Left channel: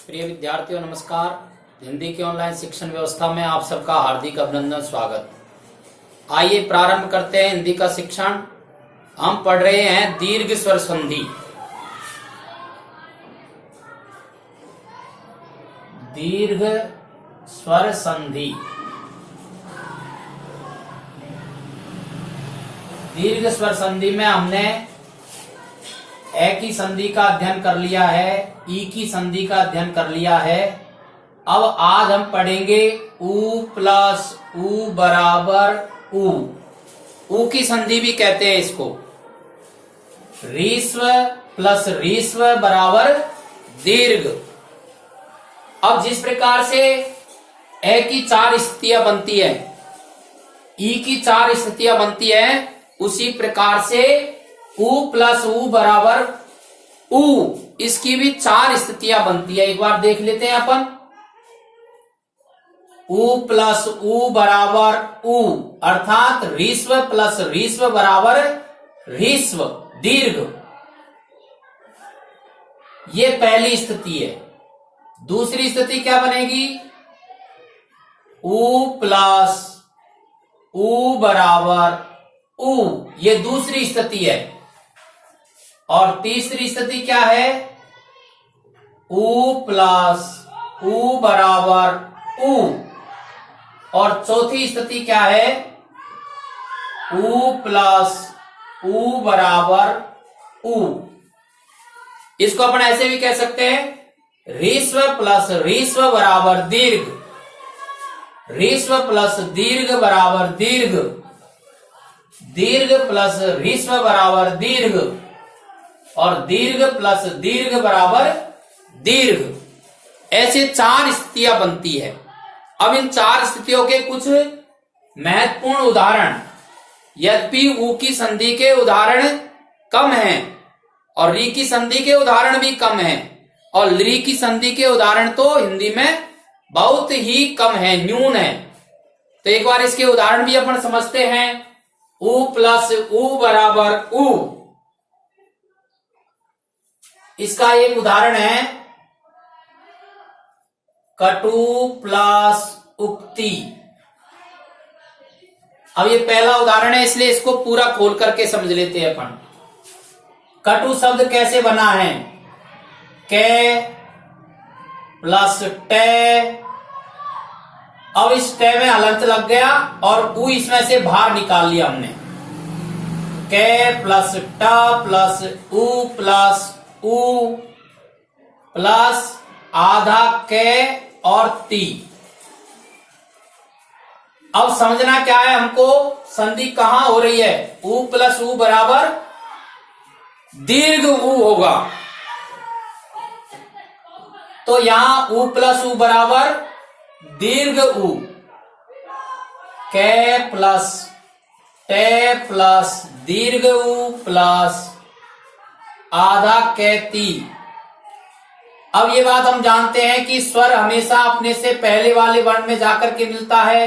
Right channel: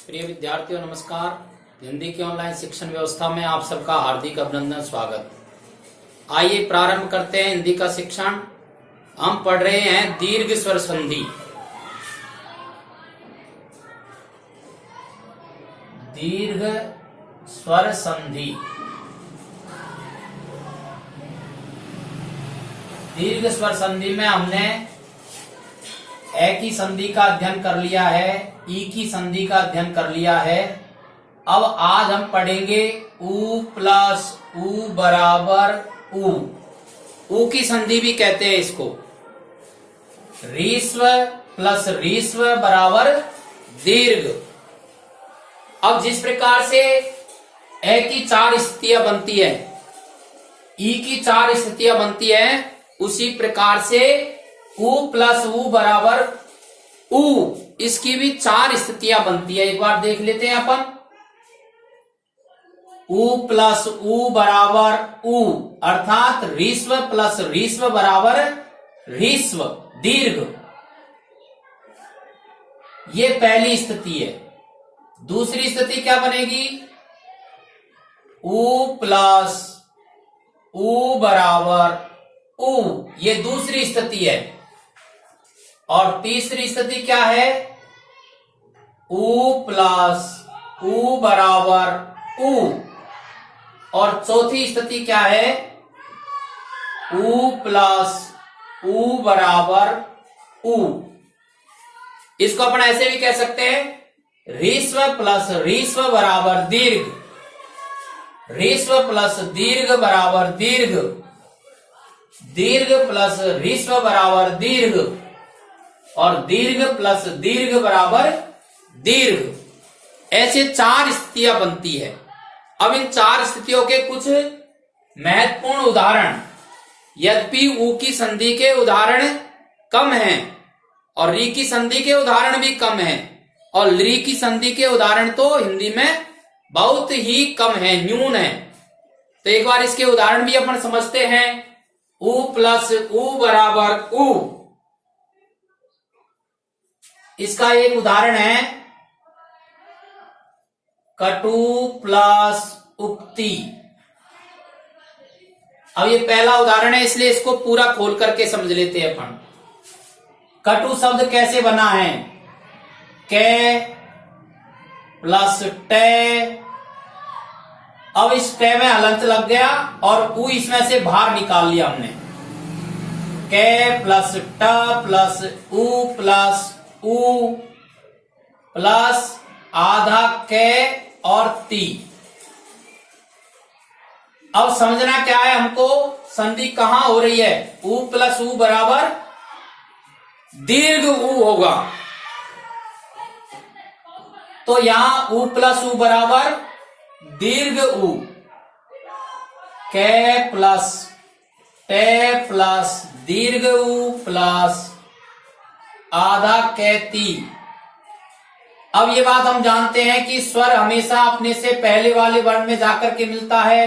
प्रिय विद्यार्थियों नमस्कार। हिंदी की ऑनलाइन शिक्षण व्यवस्था में आप सबका हार्दिक अभिनंदन स्वागत। आइए प्रारंभ करते हैं हिंदी का शिक्षण। हम पढ़ रहे हैं दीर्घ स्वर संधि। दीर्घ स्वर संधि। दीर्घ स्वर संधि में हमने ए की संधि का अध्ययन कर लिया है, ई की संधि का अध्ययन कर लिया है। अब आज हम पढ़ेंगे उ प्लस उ बराबर उ। उ की संधि भी कहते हैं इसको। रीस्व प्लस रीस्व बराबर दीर्घ। अब जिस प्रकार से ए की 4 स्थितियां बनती है, ई की 4 स्थितियां बनती है, उसी प्रकार से उ प्लस उ बराबर उ, इसकी भी 4 स्थितियां बनती है। एक बार देख लेते हैं अपन। उ प्लस उ बराबर उ, अर्थात रीस्व प्लस रीस्व बराबर रीस्व दीर्घ। ये पहली स्थिति है। दूसरी स्थिति क्या बनेगी? उ प्लस उ बराबर उ, ये दूसरी स्थिति है। और तीसरी स्थिति क्या है? उ प्लस उ बराबर उ। और चौथी स्थिति क्या है? उ प्लस उ बराबर उ। इसको अपन ऐसे भी कह सकते हैं, रीस्व प्लस रीस्व बराबर दीर्घ, रीस्व प्लस दीर्घ बराबर दीर्घ, दीर्घ प्लस रीस्व बराबर दीर्घ, और दीर्घ प्लस दीर्घ बराबर दीर्घ। ऐसे 4 स्थितियां बनती है। अब इन 4 स्थितियों के कुछ महत्वपूर्ण उदाहरण, यद्यपि उ की संधि के उदाहरण कम हैं और री की संधि के उदाहरण भी कम हैं, और ली की संधि के उदाहरण तो हिंदी में बहुत ही कम है, न्यून है। तो एक बार इसके उदाहरण भी अपन समझते हैं। उ प्लस उ बराबर उ, इसका एक उदाहरण है कटु प्लस उक्ति। अब ये पहला उदाहरण है, इसलिए इसको पूरा खोल करके समझ लेते हैं अपन। कटु शब्द कैसे बना है? कै प्लस टे। अब इस टे में हलंत लग गया और उ इसमें से बाहर निकाल लिया हमने। कै प्लस ट प्लस उ प्लस उ प्लस आधा कै और ती। अब समझना क्या है हमको, संधि कहां हो रही है? उ प्लस उ बराबर दीर्घ उ होगा। तो यहां उ प्लस उ बराबर दीर्घ उ। कै प्लस टे प्लस दीर्घ उ प्लस आधा कैती। अब ये बात हम जानते हैं कि स्वर हमेशा अपने से पहले वाले वर्ण में जाकर के मिलता है।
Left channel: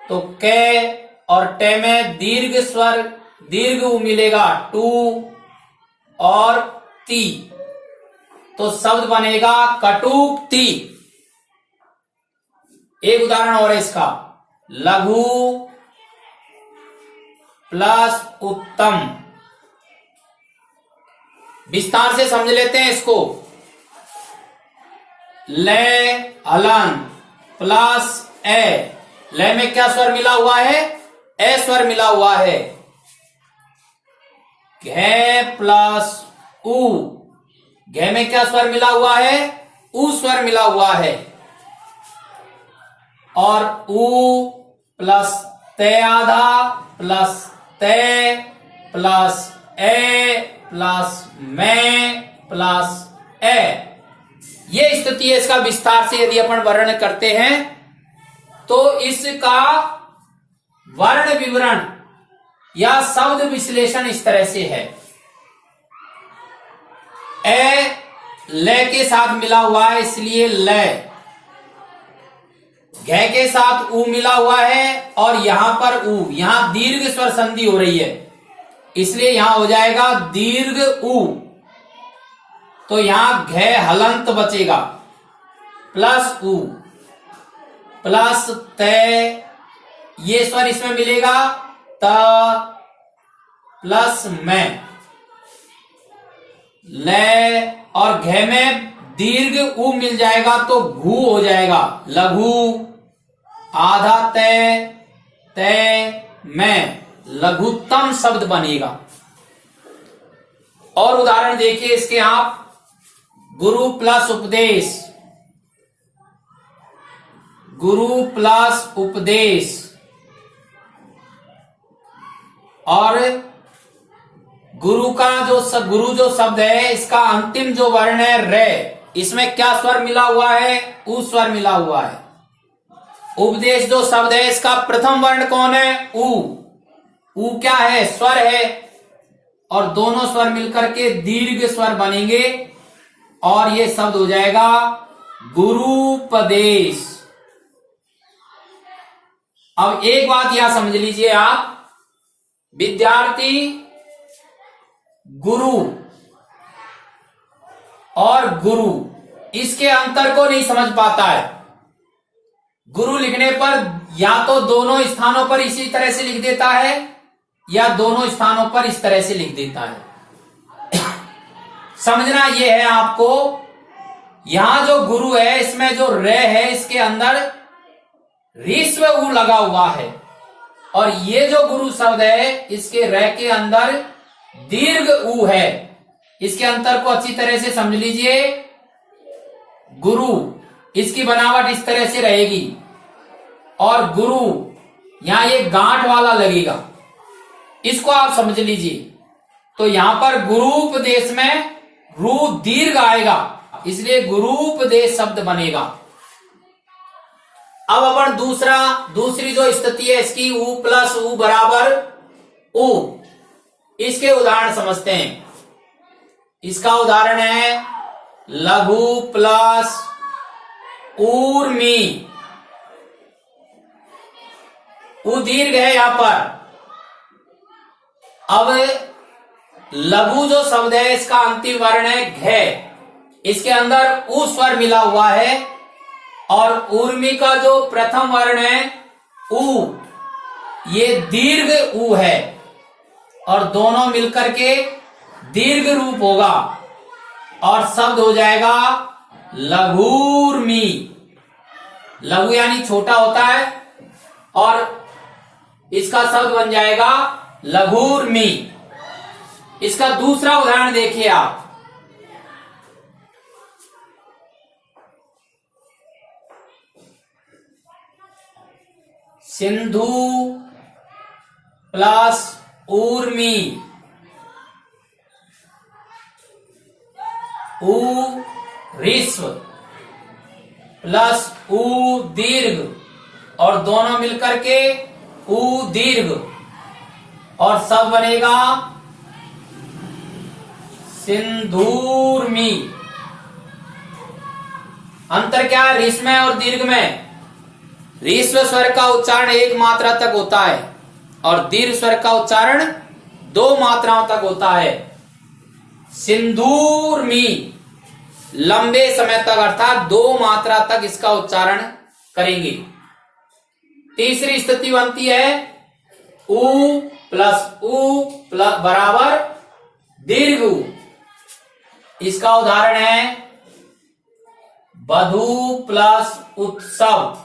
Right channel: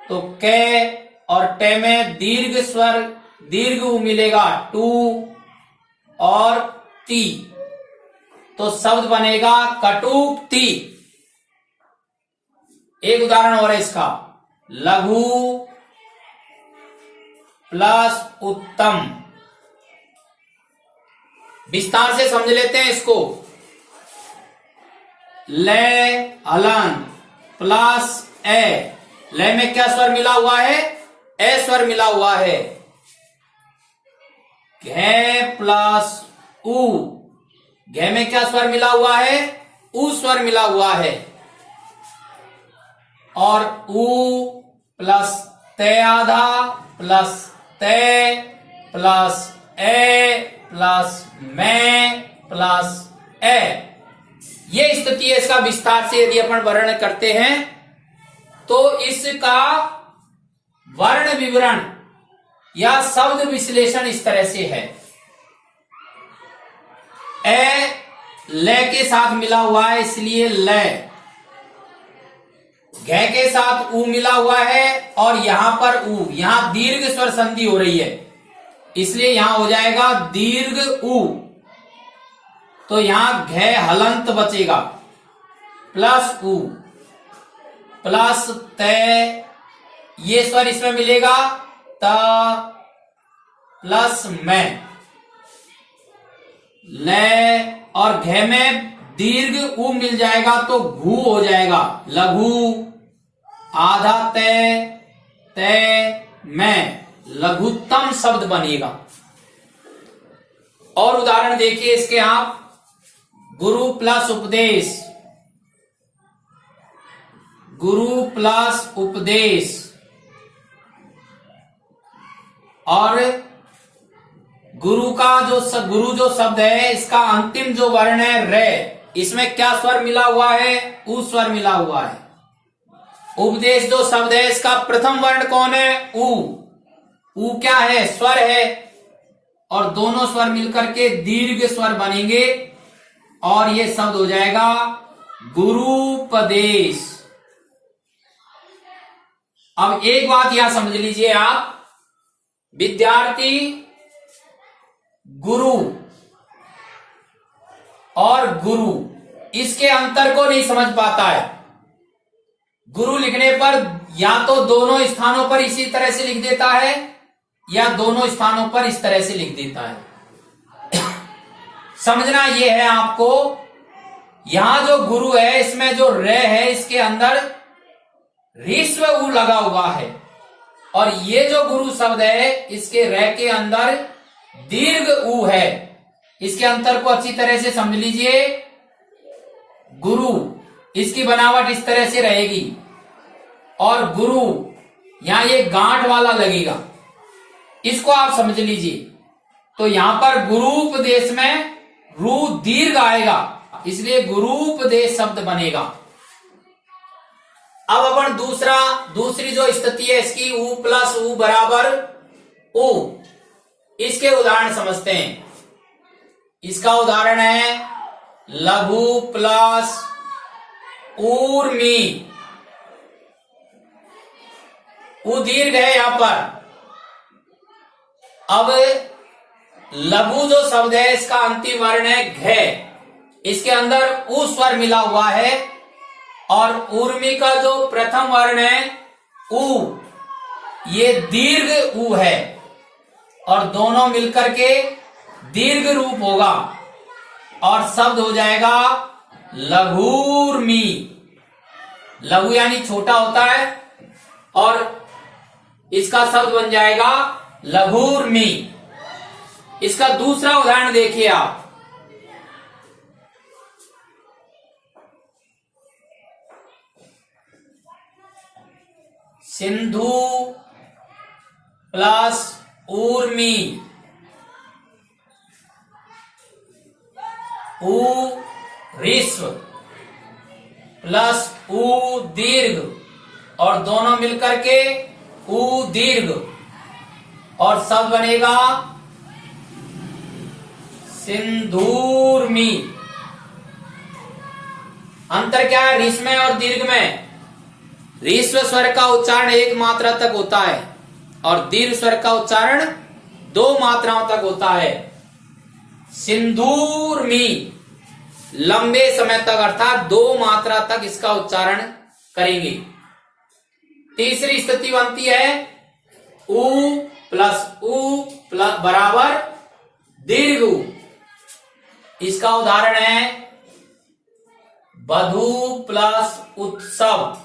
तो कै और टे में दीर्घ स्वर दीर्घ उ मिलेगा टू और ती, तो शब्द बनेगा कटुक्ति। एक उदाहरण और है इसका, लघु प्लस उत्तम। विस्तार से समझ लेते हैं इसको। ले हलंत प्लस ए, ले में क्या स्वर मिला हुआ है? ए स्वर मिला हुआ है। घे प्लस उ, घे में क्या स्वर मिला हुआ है? उ स्वर मिला हुआ है। और उ प्लस ते आधा प्लस ते प्लस ए प्लस में प्लस ए, ये स्थिति है। इसका विस्तार से यदि अपन वर्णन करते हैं तो इसका वर्ण विवरण या शब्द विश्लेषण इस तरह से है। ए ले के साथ मिला हुआ है, इसलिए ले। घे के साथ उ मिला हुआ है और यहां पर उ, यहां दीर्घ स्वर संधि हो रही है, इसलिए यहां हो जाएगा दीर्घ उ। तो यहां घ हलंत बचेगा, प्लस उ प्लस तय, ये स्वर इसमें मिलेगा त प्लस मैं, ल और घ में दीर्घ उ मिल जाएगा तो घू हो जाएगा, लघु, आधा तय, तय मैं, लघुत्तम शब्द बनेगा। और उदाहरण देखिए इसके आप, गुरु प्लस उपदेश, गुरु प्लस उपदेश, और गुरु जो शब्द है इसका अंतिम जो वर्ण है रे, इसमें क्या स्वर मिला हुआ है, उ स्वर मिला हुआ है। उपदेश जो शब्द है इसका प्रथम वर्ण कौन है, उ क्या है, स्वर है, और दोनों स्वर मिलकर के दीर्घ स्वर बनेंगे और ये शब्द हो जाएगा गुरुपदेश। अब एक बात यहां समझ लीजिए आप, विद्यार्थी गुरु और गुरु इसके अंतर को नहीं समझ पाता है। गुरु लिखने पर या तो दोनों स्थानों पर इसी तरह से लिख देता है या दोनों स्थानों पर इस तरह से लिख देता है। समझना यह है आपको, यहां जो गुरु है इसमें जो रे है इसके अंदर ऋस्व उ लगा हुआ है, और ये जो गुरु शब्द है इसके रे के अंदर दीर्घ उ है। इसके अंतर को अच्छी तरह से समझ लीजिए। गुरु इसकी बनावट इस तरह से रहेगी और गुरु यहां ये गांठ वाला लगेगा, इसको आप समझ लीजिए। तो यहां पर गुरुपदेश में रू दीर्घ आएगा, इसलिए गुरुपदेश शब्द बनेगा। अब अपन दूसरी जो स्थिति है इसकी, उ प्लस उ बराबर उ, इसके उदाहरण समझते हैं। इसका उदाहरण है लघु प्लस ऊर्मी, उ दीर्घ है यहां पर। अब लघु जो शब्द है इसका अंतिम वर्ण है घ, इसके अंदर उ स्वर मिला हुआ है, और ऊर्मी का जो प्रथम वर्ण है उ, ये दीर्घ उ है, और दोनों मिलकर के दीर्घ रूप होगा और शब्द हो जाएगा लघूर्मी। लघु यानी छोटा होता है और इसका शब्द बन जाएगा लघूर्मी। इसका दूसरा उदाहरण देखिए आप, सिंधु प्लस ऊर्मी, उ ऋस्व प्लस उ दीर्घ, और दोनों मिलकर के उ दीर्घ, और सब बनेगा सिंधूर्मी। अंतर क्या है ऋस्व में और दीर्घ में? ऋस्व स्वर का उच्चारण एक मात्रा तक होता है और दीर्घ स्वर का उच्चारण 2 मात्राओं तक होता है। सिंधूर्मी लंबे समय तक अर्थात 2 मात्रा तक इसका उच्चारण करेंगे। तीसरी स्थिति बनती है उ प्लस बराबर दीर्घ उ। इसका उदाहरण है बधु प्लस उत्सव।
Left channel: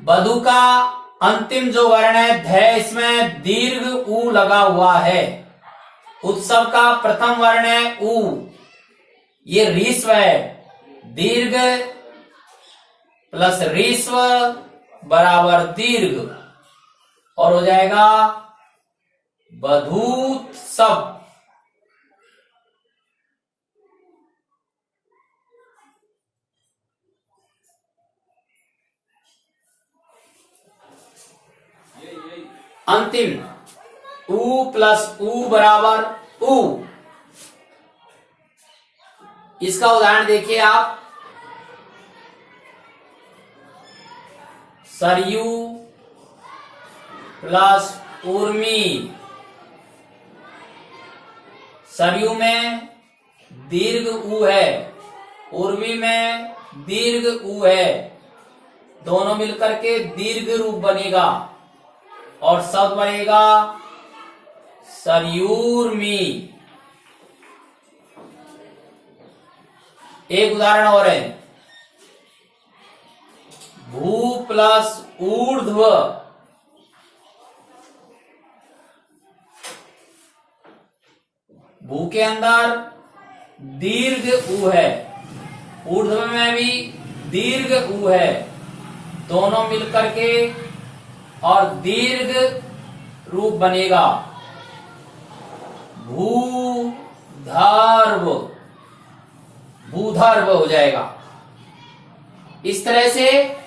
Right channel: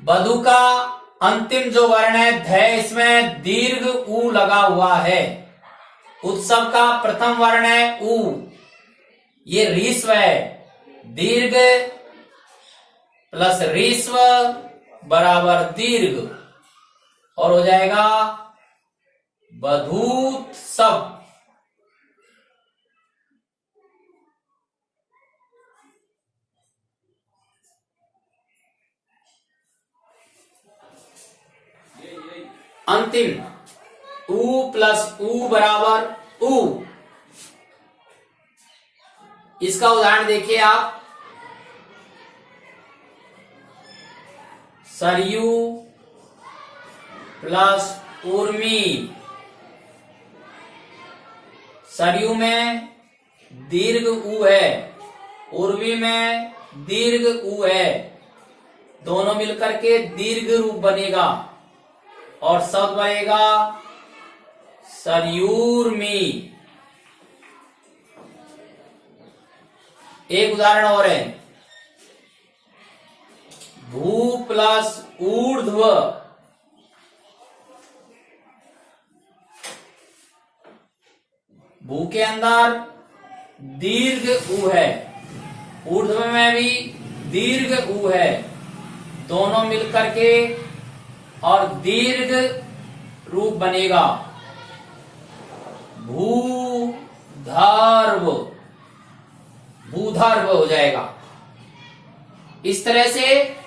बधु का अंतिम जो वर्ण है ध, इसमें दीर्घ उ लगा हुआ है। उत्सव का प्रथम वर्ण है उ, ये ऋस्व है। दीर्घ प्लस ऋस्व बराबर दीर्घ, और हो जाएगा बधूत्सव। अंतिम उ प्लस उ बराबर उ। इसका उदाहरण देखिए आप, सरयू प्लस उर्मी, सरयू में दीर्घ ऊ है, उर्वी में दीर्घ ऊ है, दोनों मिलकर के दीर्घ रूप बनेगा और शब्द बनेगा सरयूर्मी। एक उदाहरण और है, भू प्लस ऊर्ध्व, भू के अंदर दीर्घ ऊ है, ऊर्ध्व में भी दीर्घ ऊ है, दोनों मिलकर के और दीर्घ रूप बनेगा भूधर्व, भूधर्व हो जाएगा। इस तरह से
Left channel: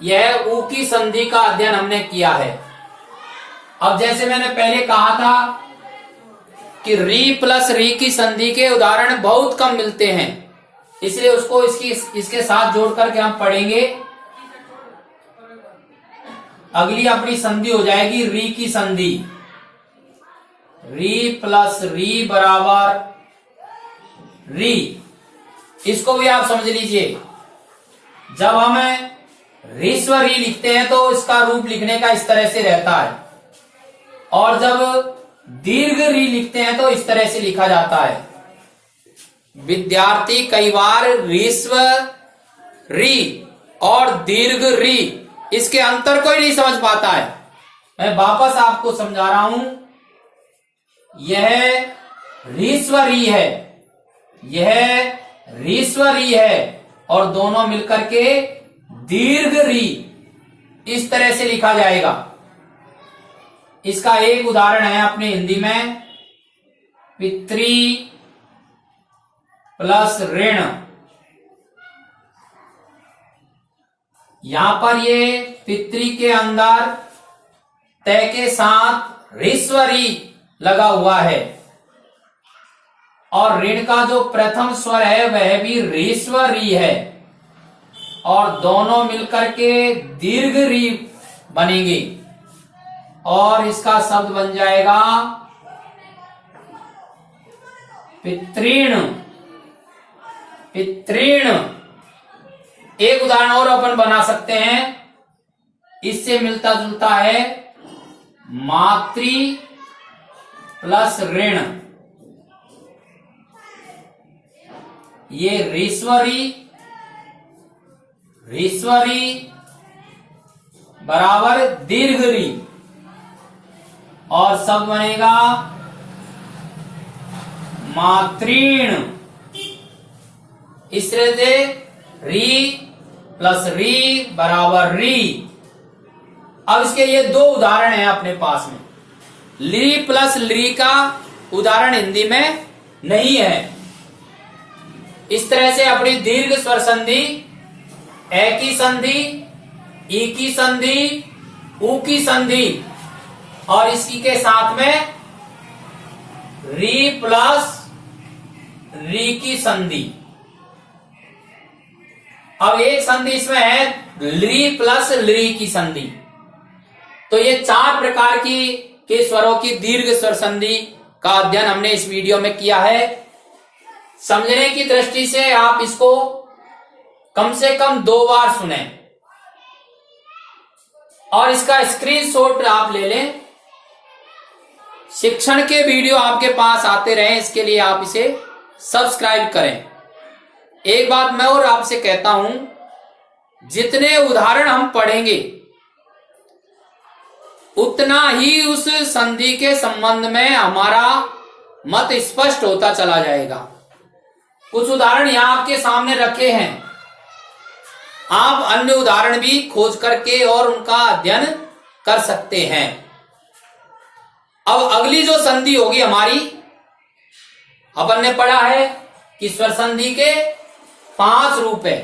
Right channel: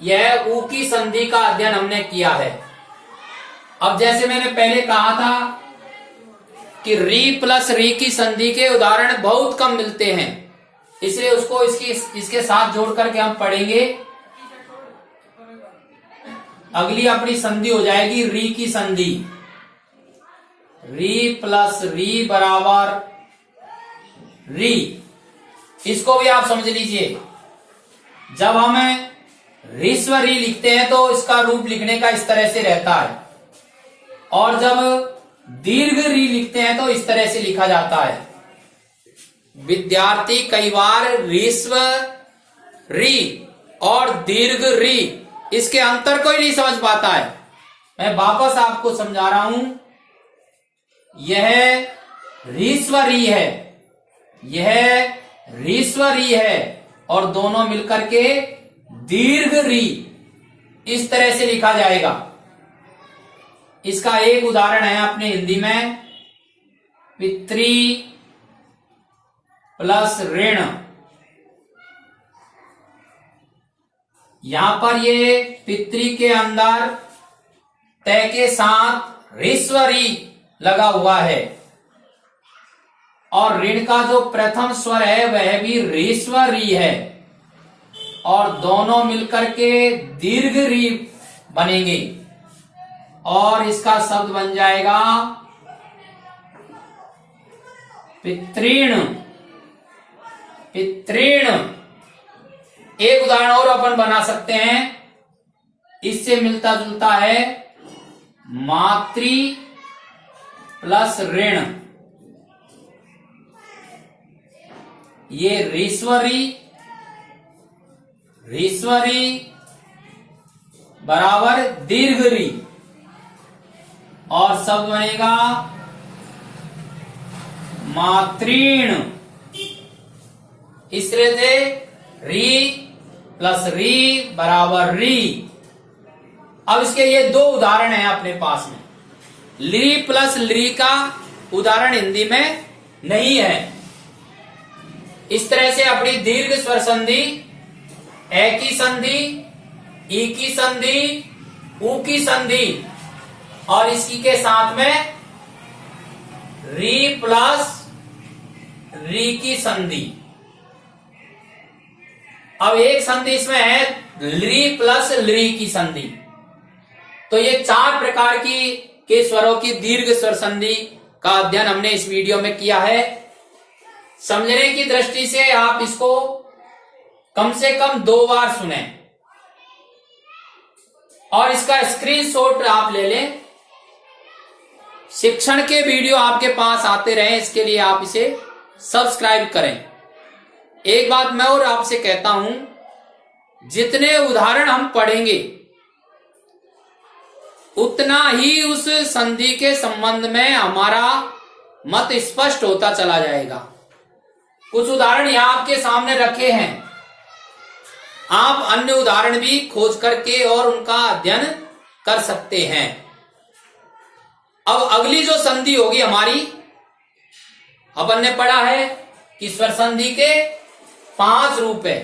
यह ऊ की संधि का अध्ययन हमने किया है। अब जैसे मैंने पहले कहा था कि री प्लस री की संधि के उदाहरण बहुत कम मिलते हैं, इसलिए उसको इसके साथ जोड़ करके हम पढ़ेंगे। अगली अपनी संधि हो जाएगी री की संधि, री प्लस री बराबर री। इसको भी आप समझ लीजिए, जब हम रीस्व री लिखते हैं तो इसका रूप लिखने का इस तरह से रहता है, और जब दीर्घ री लिखते हैं तो इस तरह से लिखा जाता है। विद्यार्थी कई बार रीस्व री और दीर्घ री इसके अंतर को ही नहीं समझ पाता है। मैं वापस आपको समझा रहा हूं, यह रीस्व री है, यह रीस्व री है, और दोनों मिलकर के दीर्घ री इस तरह से लिखा जाएगा। इसका एक उदाहरण है अपने हिंदी में, पितृ प्लस ऋण। यहां पर ये पितृ के अंदर तय के साथ रीस्व री लगा हुआ है, और ऋण का जो प्रथम स्वर है वह भी रीस्व री है, और दोनों मिलकर के दीर्घ री बनेंगे, और इसका शब्द बन जाएगा पितृण, पितृण। एक उदाहरण और अपन बना सकते हैं, इससे मिलता जुलता है, मातृ प्लस ऋण। ये रीश्वरी, रीश्वरी बराबर दीर्घ री, और शब्द बनेगा मातृण। इस तरह से री प्लस री बराबर री। अब इसके ये दो उदाहरण हैं अपने पास में। ली प्लस ली का उदाहरण हिंदी में नहीं है। इस तरह से अपनी दीर्घ स्वर संधि ए की संधि, ई की संधि, ऊ की संधि, और इसी के साथ में री प्लस री की संधि। अब एक संधि इसमें है ली प्लस ली की संधि। तो ये चार प्रकार के स्वरों की दीर्घ स्वर संधि का अध्ययन हमने इस वीडियो में किया है। समझने की दृष्टि से आप इसको कम से कम 2 बार सुने, और इसका स्क्रीनशॉट आप ले लें। शिक्षण के वीडियो आपके पास आते रहें, इसके लिए आप इसे सब्सक्राइब करें। एक बात मैं और आपसे कहता हूं, जितने उदाहरण हम पढ़ेंगे उतना ही उस संधि के संबंध में हमारा मत स्पष्ट होता चला जाएगा। कुछ उदाहरण यहां आपके सामने रखे हैं, आप अन्य उदाहरण भी खोज करके और उनका अध्ययन कर सकते हैं। अब अगली जो संधि होगी हमारी, अपन ने पढ़ा है कि स्वर संधि के 5 रूप है,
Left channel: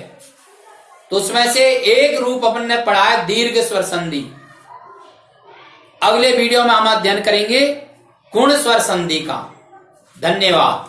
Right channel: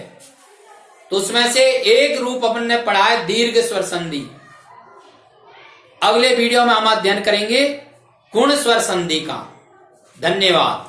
तो उसमें से एक रूप अपन ने पढ़ा है दीर्घ स्वर संधि। अगले वीडियो में हम अध्ययन करेंगे गुण स्वर संधि का। धन्यवाद।